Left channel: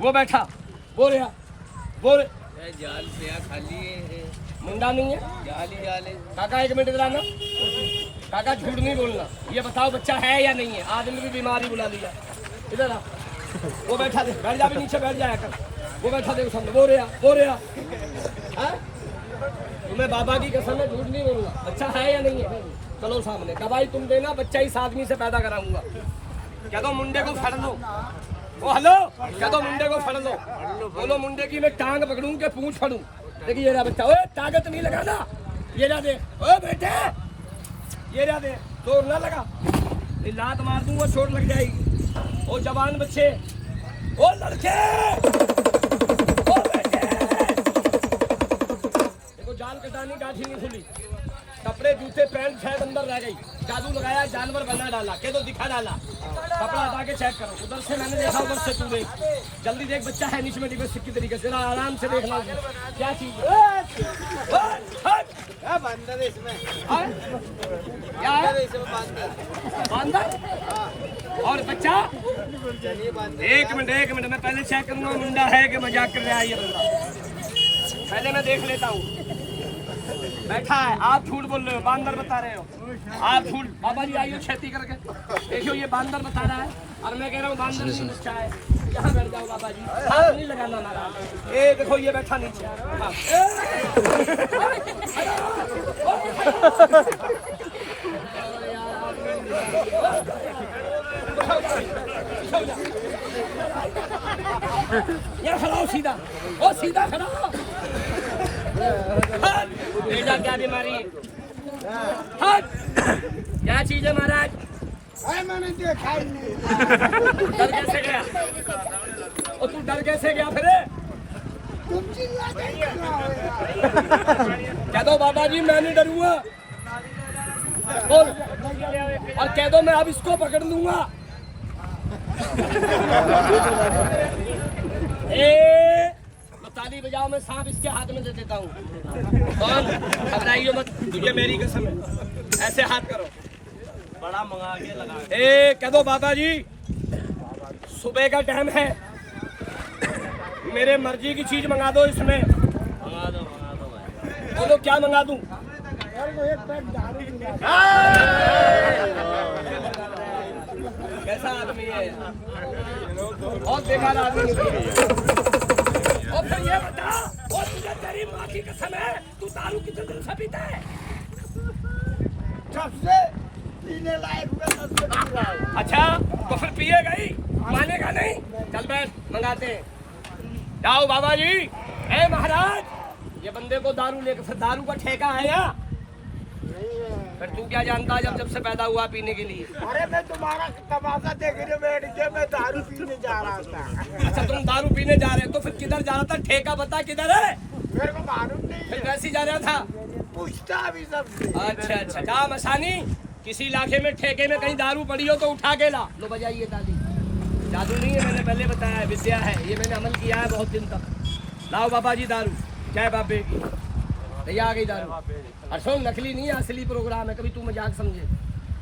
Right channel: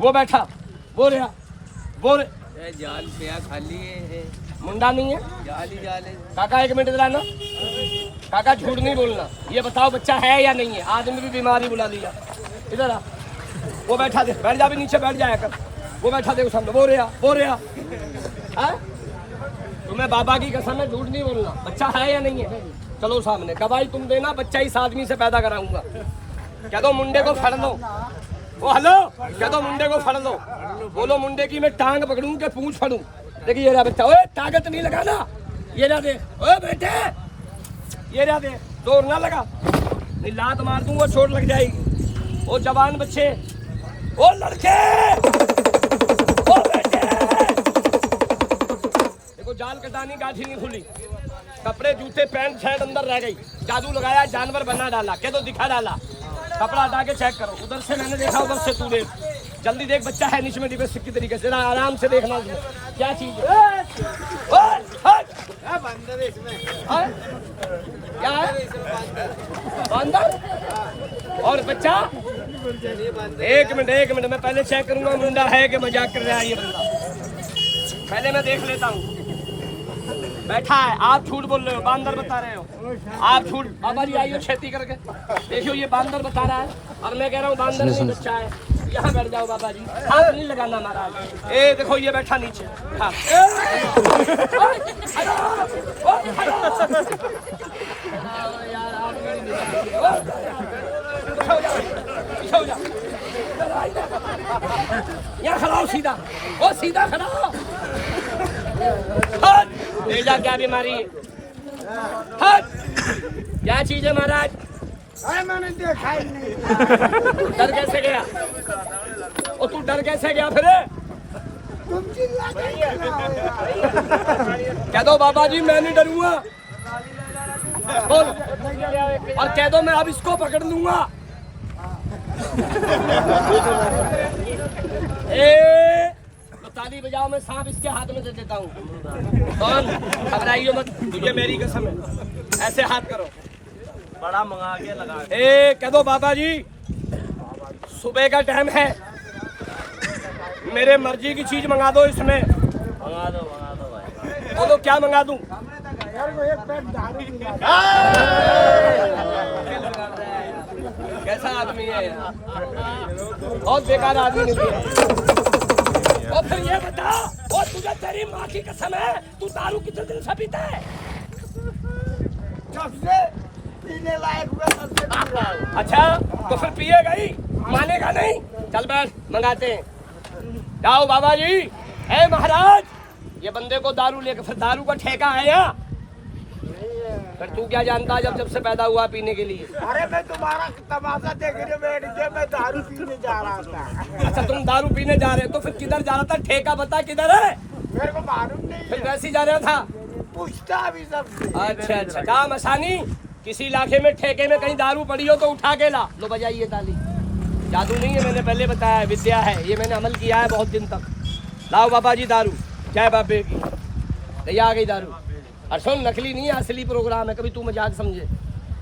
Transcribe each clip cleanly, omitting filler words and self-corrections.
वो बैठा वो रहा वो जाल पे खाली है मुंडा नहीं है जाल ही जाल है। काका 1 मिनट इधर आना काका झूठ नहीं बोलना ये बताओ बच्चा है या नहीं है आदमी भी बीमारी बुला लिया इधर आ वो बैठा दे बैठ जा भी नीचे बैठ जाया कर वो बैठा दे सामने वो रहा तुम्हें बाबा की कसम है झूठ नहीं बोलना बच्चा है या नहीं है चलो सामने गवाही तुम देना बच्चा इस आदमी से पैदा कराऊंगा क्या तो मुंडे को फड़ लो ओ हेलो क्या तो मुंडे को फड़ लो बोलो मुंडे की मैं टांग पकड़ूं के पूंछ फड़ूं देखिए ये रहा बच्चा ओए ताकत नहीं लगाना ये रहा दे ओए बेटे ये रहा दे जोर ना लगा नहीं लात मार दूं वो चोट लग जाएगी ओ जवान बच्चे ओ लड़के ओ बेटे देखो जाल कटानी गाठी नहीं खुली कपड़े जूते पैंट शर्ट अंदर रह गई जादू लगाया जानवर बना डाला क्या तो दिखा डाला कपड़ा हटा के चेक करो उधर से मैंने देखा उधर से तू देख जल्दी देख बच्चा है नीचे में डिवेस्ट की तरीके से आराम से देखना क्या चीज है बंदर इसमें क्या है बंदर और बच्चा एक मिनट मैं पहले चेक करूंगा मुंडा है कि मजाक कर रहा है ये बंदा पहले मैं देख लेता हूँ बैठा है आप झूठ बोल रहे हो बांदर बता रहे हो आप झूठ बाबा जी आइए खेती करके देखियो ये बांदर बता रहा है और मैं कह रहा हूँ बांदर नहीं बच्चा है यहाँ बैठ जाओ बाबा जी हाथ नहीं लगाना महाराज ए देखो ये बैठा नीचे हाँ यहाँ खड़ा हो सीधा ओ सीधा खड़ा हो बेटा क्या बीमारी है क्या चीज है महाराज अरे मैंने देखा ही नहीं डर कैसे गया और तू डर कैसे गया फिर तुम चिल्ला कह दो बाबा जी मैं नहीं डरूंगा बोल और कह दो मैं अब इसको पकड़ लूंगा ताली बजाओ मैं सांप इसके हाथ में दे देता हूँ कौन घबराइयो मत तुझे मेरी कसम है ऐसे हाथ करो बड़ा मंगा के लगा ए कह दो बाबा जी सुबह का टाइम है मेरे मर्जी की चीज मंगा दो इसमें मंगा दो बोलो क्या मंगा दूं एक पैक दारू कैसा आदमी है बहुत बेकार आदमी निकला और फिर ये बता और तुझे तेरी माँ की कसम है तू दारू कितने दिन से पीता है सबसे पीने लायक हुआ सबसे पी रहा है अच्छा तो फिर पिएगा ही मानेगा नहीं चल बैठ मंगाते हैं जाओ बाबा जी ए महाराज ये बंदे को दारू लेकर फिर दारू का ठेका है यहाँ फिर तू क्या जानता जब से पैदा हुआ पीने के लिए अरे मैं तुम्हारा तमाशा देखने बैठ के मैं दारू पीने जा रहा था अच्छा तुम दारू पीने जा रहे हो तो फिर किधर जा रहा था ठेका बता किधर है मेरे को मालूम नहीं फिर है वैसे ही जा रहा था पूछता भी सबसे अच्छा काम आसानी किसी इलाके में ठेके में कहीं दारू पड़ी हो तो उठा के ला लो बजाइए ताली जादू नहीं है मैंने पहले बताया है विद्या है ये मैंने अमल किया है बहुत दिन तक लाओ बाबा जी दारू जय बाबे की भैया आ गई दारू और सुन नकली नहीं है असली प्रोग्राम है कभी तू मजाक समझे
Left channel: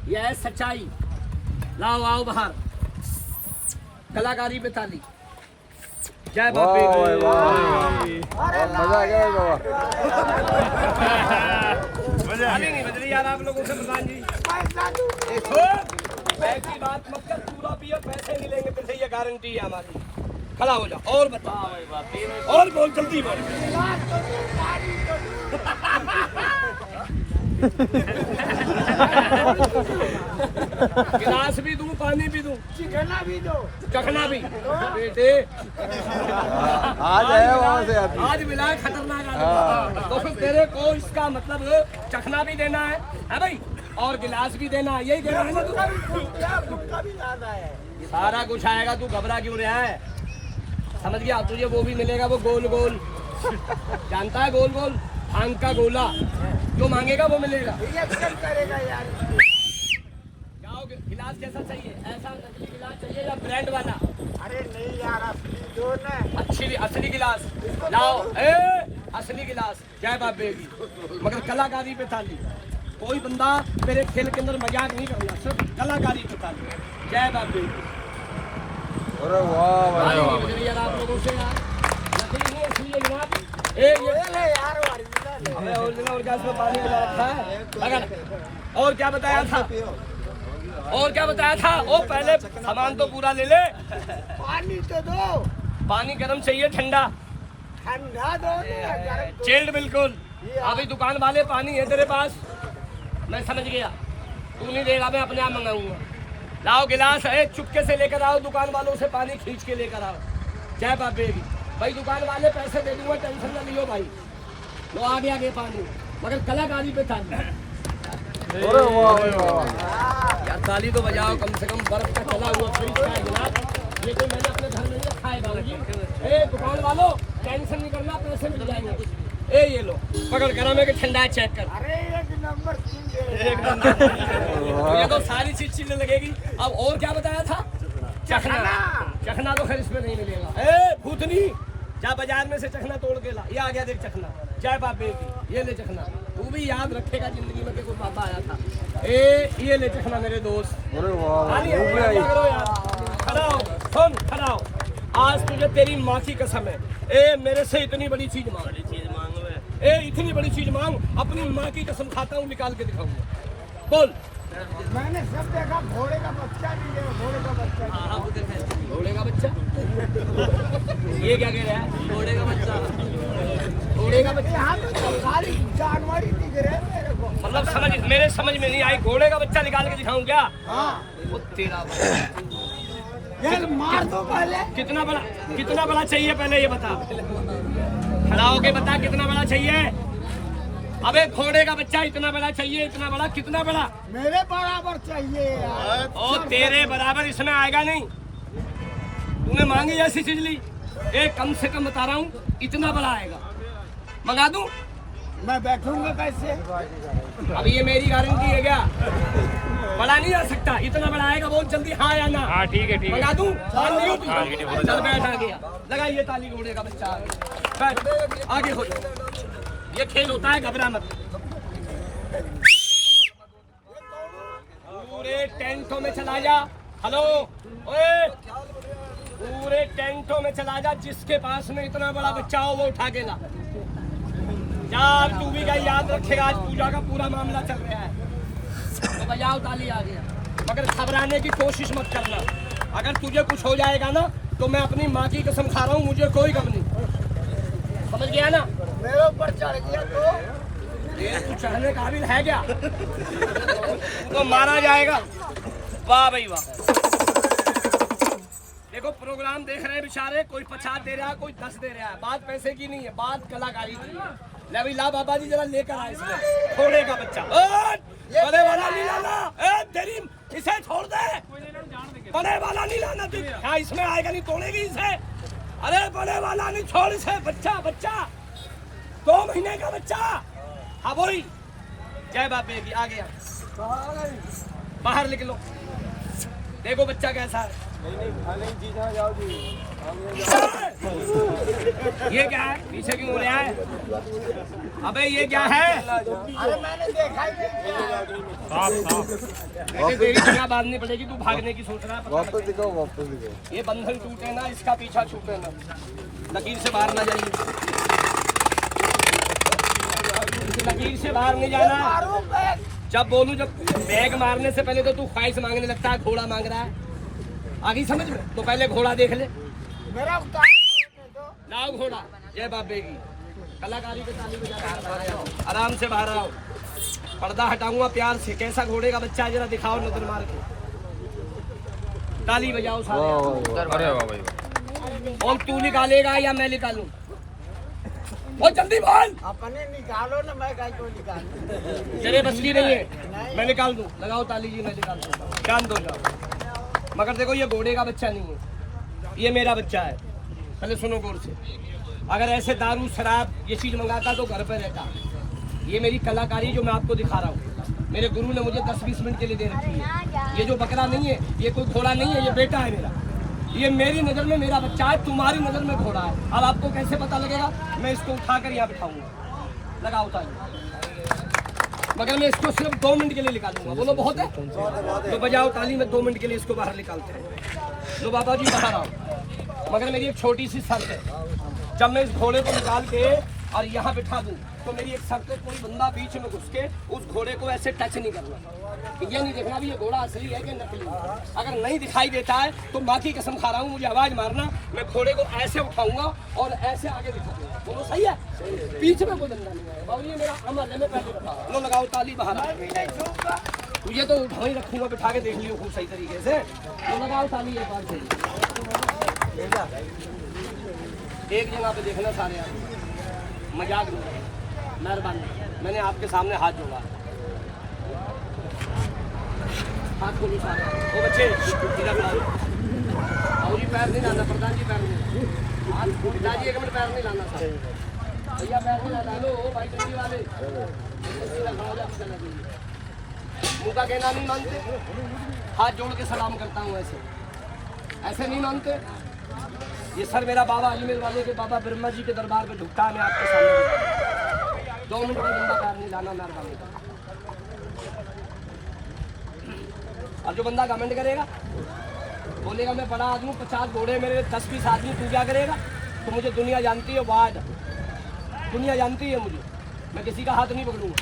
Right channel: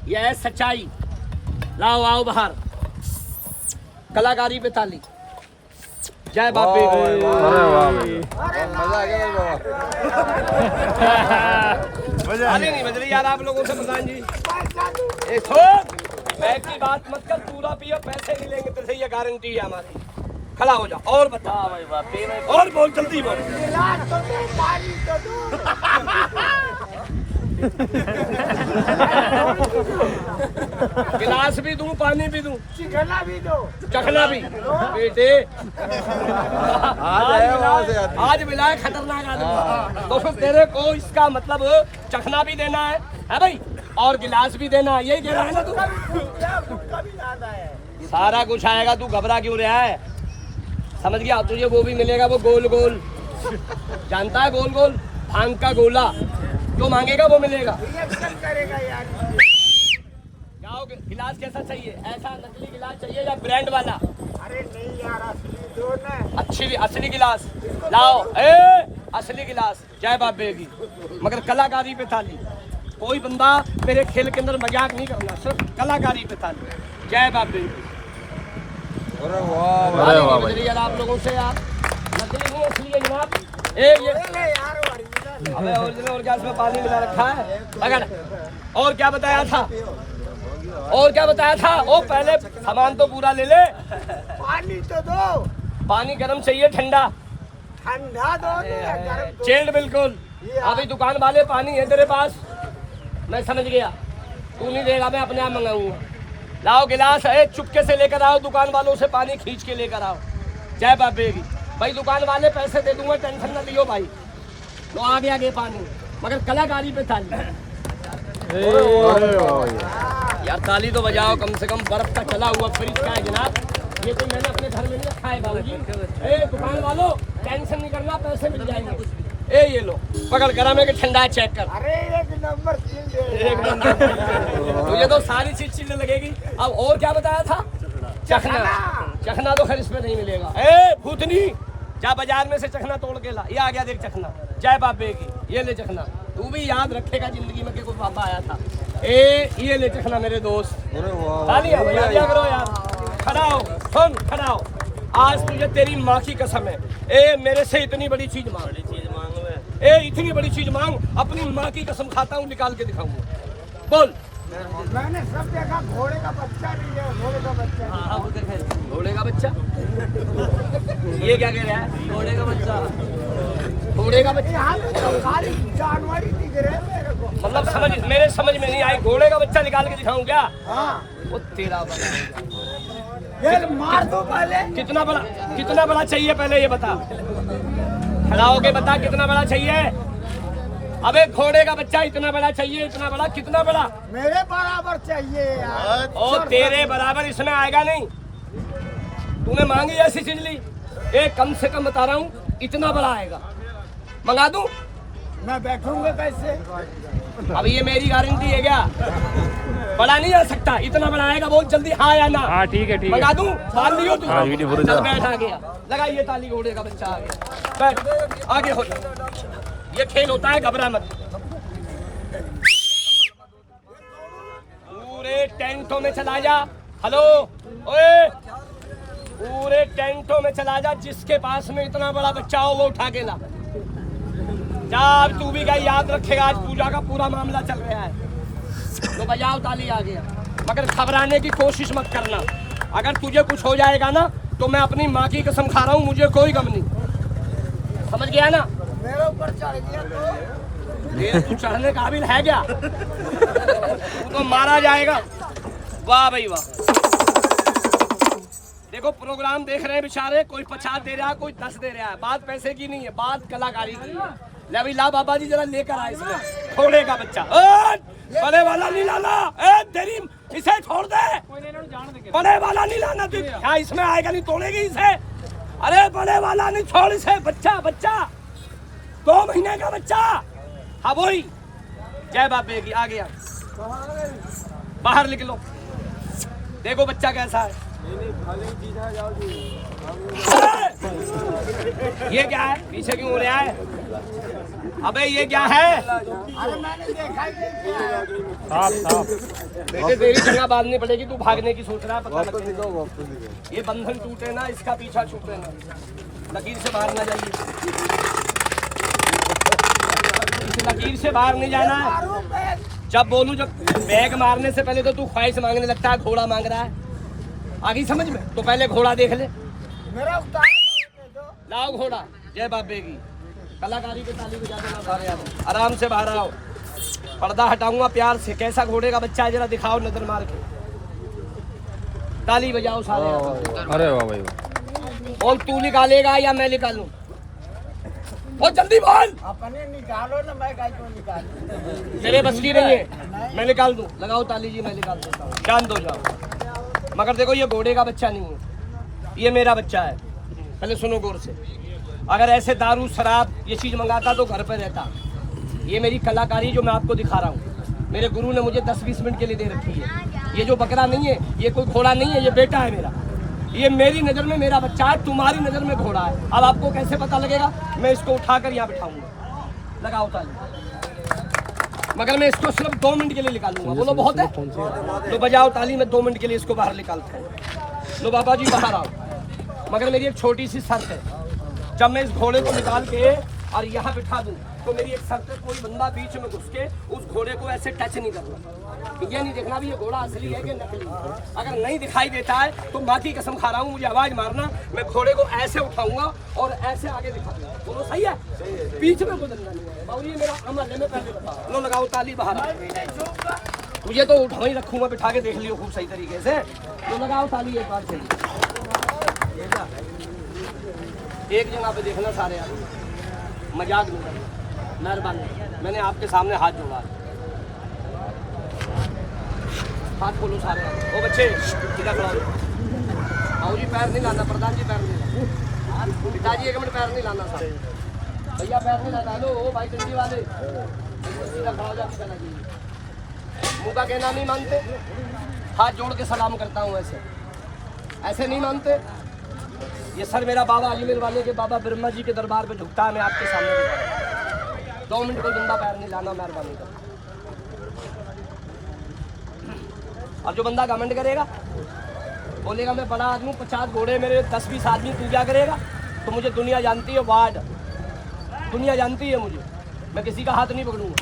ये है सच्चाई लाओ आओ बाहर कलाकारी पे ताली जय बाबे अरे नहीं बज रही यार आप लोगों से प्रधान जी देखो पैसे की बात मत कर पूरा पियो पैसे मिलेंगे तो सही ये गारंटी है हमारी खड़ा हो जा और बता और बोल जल्दी बोल गिलास भी दूं पानी भी दूं चिकना भी दो चखना भी बेटे आज मिला खतरनाक आदमी तो फिर तेरे को इसका मतलब चखना भी देना है भाई और गिलास भी देना है यही कह रहा है ना तू सारा कुछ आएगा तू घबरा क्यों रहा है समझ गया तुझे वो भी मिलेगा वो गोल गोल जानता है गोल गोल भांग का गोला जो मांगेगा वो मिलेगा करेगा यार जाओ गिलास कैसा चाहिए ऐसा नकली गिलास चाहिए या ब्रांड वाला अरे नहीं यार असली दो ना असली गिलास लाओ असली गिलास जय बाबे की मगर कलाकारी पे थाली कोई बंदा मेरे खेल के अंदर मजाक नहीं करना सिर्फ कलाकारी पे थाली जय बाबे की अरे वाह भाई। यार आप लोगों से यार नकली नहीं इसलिए जनाब। ये ले यार ओरिजिनल है। हमें ओरिजिनल और क्या इसमें पानी मिला रखा है अगर। और क्या बताया था, और क्या बताया था? ओ पहले सामान तो पूरा ले ले। पानी तो दो, पानी गर्म चाहिए ठंडा? ठंडा दो ना गर्म दो। चिल्ड बिल्कुल। अभी दुकान वाले पानी है तेरे पास, मैं समझ गया। तू नहीं देगा मैं अपने आप मंगाऊंगा। लाओ गिलास है, चुपके से लेकर आओ, दुकान वालों से पानी खींच के लेकर आओ। चाय बाबेगी भाई, दुकान वाले पैसे दे दूंगा, टेंशन ना लियो भाई। लो आ गया आगे पानी, मगर कलाकारी पे ताली। अरे वाह भाई। यार ताली तो बजाओ कम से कम। बर्फ का चला हुआ फ्रिज का है जनाब, ये तो मैंने अपने घर में नहीं रखा है बाबूजी। ए दुकान वालों टेंशन नहीं करना, पैसे मिल जाएंगे। ए ये लो पकड़ गरम है कि ठंडा है चेक कर। अरे एक नंबर चीज दे। एक नंबर। मुझे तो सारी चीज चीज लगेगी। अब और क्या बताया था? चखना। चखना तो खैर इसमें नहीं मिलेगा। ए भूतनी, जा बाजार में से चखना तोड़ के ला। ये आ गया देख चखना, जय बाबे की। ये ले चखना, तू भी याद रखेगा जिंदगी में कि कोई पापा आया था। ए ये ले चखना मेरे दोस्त। तालियां बजा दिया करो यार। खड़ा हो, सुन खड़ा हो। आज तुझे तेरी माँ की कसम है, ए मेरे से इतनी बड़ी चीज मांग। ए इतनी बड़ी चीज मांग, अपनी माँ की कसम खाता हूँ, निकाल के दिखाऊंगा। बोल। मैंने सब देखा, घोड़े का बच्चा भी है, घोड़े का बच्चा भी। घोड़े का बच्चा? ये क्या कह रहा है? घोड़े का बच्चा? घोड़े का बच्चा? यहाँ पे तो खाली जानवर ही दिख रहे हैं मेरे को। मतलब मेरे समझ में नहीं आई। घोड़े का बच्चा निकाल के दिखाऊं क्या? हाँ वो तेरा ये मार दो पहले। कितना बड़ा चाहिए पहले ये बता। खड़ा होके बता कितना बड़ा चाहिए। अबे घोड़े का बच्चा इतना बड़ा चाहिए, इतना बड़ा? कितना बड़ा? मेरे बराबर चाहिए यार। और तेरे बराबर इसमें आएगा नहीं। तूने मांगी ऐसी चीज ली, एक कम से कम बता रहा हूँ इतना बड़ा आएगा। मंगा दूं? मैं बैठूंगा कैसे? अब ये मेरी गारंटी है क्या? बड़ा नहीं आ सकता, इतना बड़ा आएगा। बहुत जल्दी हाँ या ना? हाँ ठीक है ठीक है। मंगा दूं? मान लियो तू? चल बैठ, आ गया। लगाइए ताली, घोड़े का बच्चा आ गया। बैठ, आगे हो जा। ये खेल होता है, घबरा मत। पूरे टेंटों में चला जा। हेलो ओए, पूरे टेंटों में चला जा, जिसके पास में इतना बड़ा बच्चा हो वो उठा के ला। जा, तू भी क्या याद रखेगा, आज पूजा का पूरा मामला चल रहा है। तो बजाओ ताली, आ गया। मगर घबराने की कोशिश मत करना। अगर तुझे कुछ हो जाएगा ना तो मैं अपनी माँ की कसम खा रहा हूँ, मुझे कोई गम नहीं। समझ गया ना? मेरे ऊपर चढ़ गया तो ये तू चढ़ने काबिल है क्या? तू तो मारा जाएगा। वाह भाई वाह। देखो प्रोग्राम देख रहे हैं बेचारे, कोई 50 दे रहा है, कोई 10 दे रहा है। बात पैसे की नहीं है, बात कलाकारी की है। ले भाई ला बाबा जी, जरा लेकर आए इसमें घोड़े का बच्चा। बड़े वाला नहीं लाना, तेरी इसे छोड़ दे। बड़े वाला नहीं लाना तू। हाँ इसमें आएगा नहीं, तोड़ेगी इसे। अरे बड़े वाला नहीं, छोड़ इसे। बच्चा 2 महीने का बच्चा। हाँ वही, जय बाबे की। आ गया, बाहर निकलो। देखो बच्चा कैसा है। ये क्या है? पीछे क्यों हो रहा है? अबे ये क्या है? अरे मैंने देखा ही नहीं क्या। बेटे तेरी जगह बांधनी पड़ेगी, तू भागने की सोच रहा है। पता नहीं ये बंधन टूटे ना, इसका पीछा छूटे ना। लकीर से बाहर ना जाइए, लकीर से बाहर नहीं जाना। जब बोलूं, जब बैग मारने से पहले तो तू ख्वाहिश मांगने लगता है, घोड़ा मांग रहा है। आगे समझ में? तो पहले घोड़ा देख ले। मेरा उतार दो। लाओ घोड़ा। जय बाबे की। कलाकारी पे ताली बजा देना सारे आदमी। आराम से बाहर आओ, पर्दा हटाऊंगा प्यार से। कैसा घोड़े का बच्चा है जरा दिखाओ नजर मार के। ताली बजाओ सारे आदमी। अरे वाह भाई। और तू निकालेगा या मैं निकालूं? बहुत जल्दी बोल। अपने निकालो ना, मैं गाय को निकालूं। तेरे बस की नहीं है, मैं निकाल दूं। लगाओ ताली जी, मैं निकाल देता हूँ। जान दो, जाओ। मगर देखो ये घोड़े का बच्चा नहीं है, ये मेरा बच्चा है। पहले सुनो गौर से। अगर ऐसे दारू शराब ये चीज़ मंगाता तो घर पर रहता। ये मेरी कलाकारी जो मैं आपको दिखा रहा हूँ, मेरे गुरु ने मुझे 10-20 मिनट के लिए दे रखी है। ये जो बकरा नहीं है, ये कोई घोड़ा नहीं है, ये बेटा है मेरा। ये मेरी नज़र में मेरा बच्चा है, तुम्हारी नज़र में घोड़ा है। अब आपको कैसे पता लगेगा? मैं इसको उठाकर यहाँ बिठाऊंगा। लगाओ ताली। मगर मैं इसको सिर्फ 2 मिनट के लिए निकालूंगा। बोलो बहुत है? तो बजाओ ताली। में 2 मिनट के लिए इसको बाहर निकालते हैं। लो बाबा जी बाहर आओ, मगर मेरी एक छोटी सी शर्त है। जब मैं इस घोड़े को निकाल के और यहाँ बिठा दूं तो मेरी एक शर्त है, कोई बंदा बीच में घुस के उस घोड़े को ऐसे टच नहीं करना, ये नहीं देखना भी ये घोड़ा असली है कि नकली है। अगर नहीं दिखाई देता है तो माँ की कसम खा रहा हूँ, मुझे आवाज मारना, मैं घोड़े को ऐसे उठाऊंगा और ऐसे आगे दिखा दूंगा। बोलो सही है? बीच में कोई बंदा नहीं है बाबू, ये मेरा अमल है, मैं पहले बता। लो लगाओ ताली बाहर। मुझे तो उठा ही रखूंगा, बिठा के देख लियो खूब सही तरीके से। तो लगाओ ताली एक बार से। एक जगह पे देखना सारे आदमी, मजाक नहीं, मेहरबानी, मैंने आपके सामने हाथ जोड़ा, हाथ खोलो सारे। ओ बच्चे इधर खड़ा, आओ जी, पैर नहीं लाना, प्रधान जी पैर नहीं लाना, पिताजी एक मिनट पैर नहीं लाना, सारे भैया पैर नहीं लाना। लो ओ भाई टंकी वाले, सीधा खड़ा हो जा, चला जाइए। मुँह का कहना नहीं मानते, हाथ जोड़ के सलाम करता हूँ, ऐसे ऐसे नहीं मानते। ये सर मेरा बाबा अजमेर वाले के बाबा ब्रह्मा जी के दरबार पे झुकता है, मैं आपके सामने दिखा रहा हूं। 2 मिनट कोई बंदा पैर नहीं लाना, मेहरबानी कर। और जो बंदा कमेंट करेगा, बोलेगा मैं बड़ा आदमी, 50 घोड़े मेरे, 10-20 आदमी पूजा करेगा, तो मुझे दुनिया जानती है, वार्ड दुनिया जानती है मुझे, मैं किसी का हाथ नहीं पकड़ूंगा।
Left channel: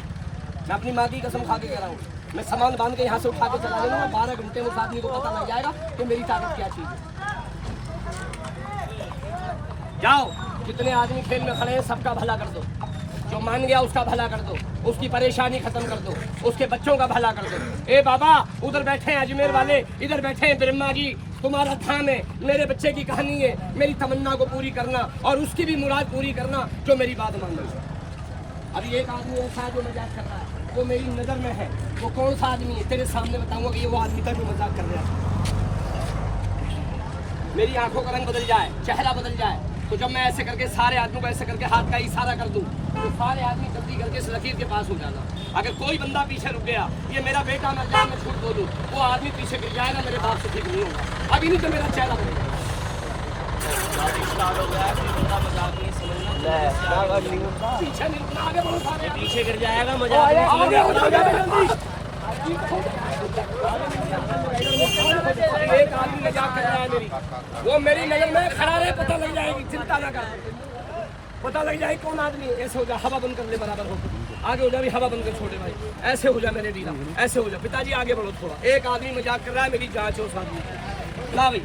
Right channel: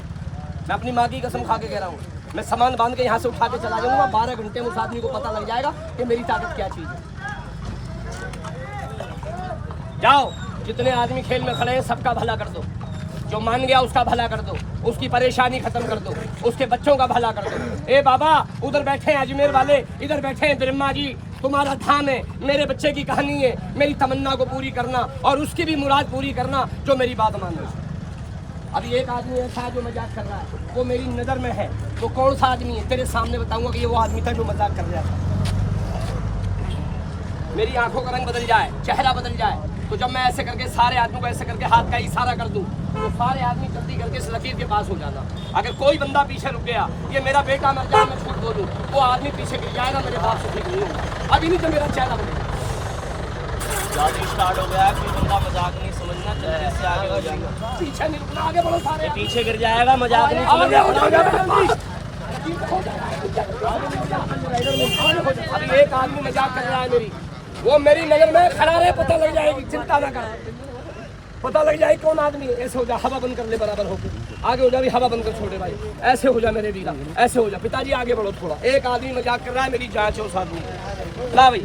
मैं अपनी माँ की कसम खा के कह रहा हूँ, मैं सामान बांध के यहाँ से उठा के चला जाऊंगा, 12 घंटे में उस आदमी को पता लग जाएगा कि मेरी ताकत क्या चीज़ है। जाओ, जितने आदमी खेल में खड़े हैं सबका भला कर दो, जो मान गया उसका भला कर दो, उसकी परेशानी खत्म कर दो, उसके बच्चों का भला कर दो। ए बाबा, उधर बैठे हैं अजमेर वाले, इधर बैठे हैं ब्रह्मा जी, तुम्हारा धाम है, मेरे बच्चे की कहानी है, मेरी तमन्ना को पूरी करना और उसकी भी मुराद पूरी करना, जो मेरी बात मान लो। अभी एक आदमी ऐसा है जो मजाक कर रहा है, वो मेरी नज़र में है, वो कौन सा आदमी है तेरे सामने बताऊंगा कि ये वो आदमी था जो मजाक कर रहा था। मेरी आंखों का रंग बदल जाए, चेहरा बदल जाए, तो जब मैं ऐसे करके सारे आदमियों को ऐसे करके हाथ का इशारा कर दूं, तो सारे आदमी जल्दी करके इस लकीर के पास हो जाना। अगर कोई बंदा पीछे रुक गया, ये मेरा बेटा मर जाए, मैं झूठ बोलूं, वो आदमी पीछे गिर जाएगा, मेरे बाप से ठीक नहीं होगा। अभी नहीं तो मेरा चेहरा बदल स्टार्ट हो गया, कोई बंदा मजाक नहीं समझना, जल्दी से आगे हो जाएगा, पीछे नहीं रुकना, आगे बढ़ो सारे, पीछे गिर जाएगा, मजाक नहीं समझना, आगे हो जाएगा। अभी एक आदमी मजाक कर रहा है मेरी, वो मेरी नजर में खड़ा रहे, पता लग जाएगी, चिंता ना कर, पता लग जाएगी कौन आदमी है। ऐसे हो जा, हवा बंद कर ले बराबर होकर, आगे हो जा, हवा बंद कर छोटे भाई, ऐसे हो जा मेरे वीरा, ऐसे हो जा। पिताजी आगे बढ़ो थोड़ा, एक आदमी मजाक कर रहा है, मेरी जांच हो उस आदमी। ला भाई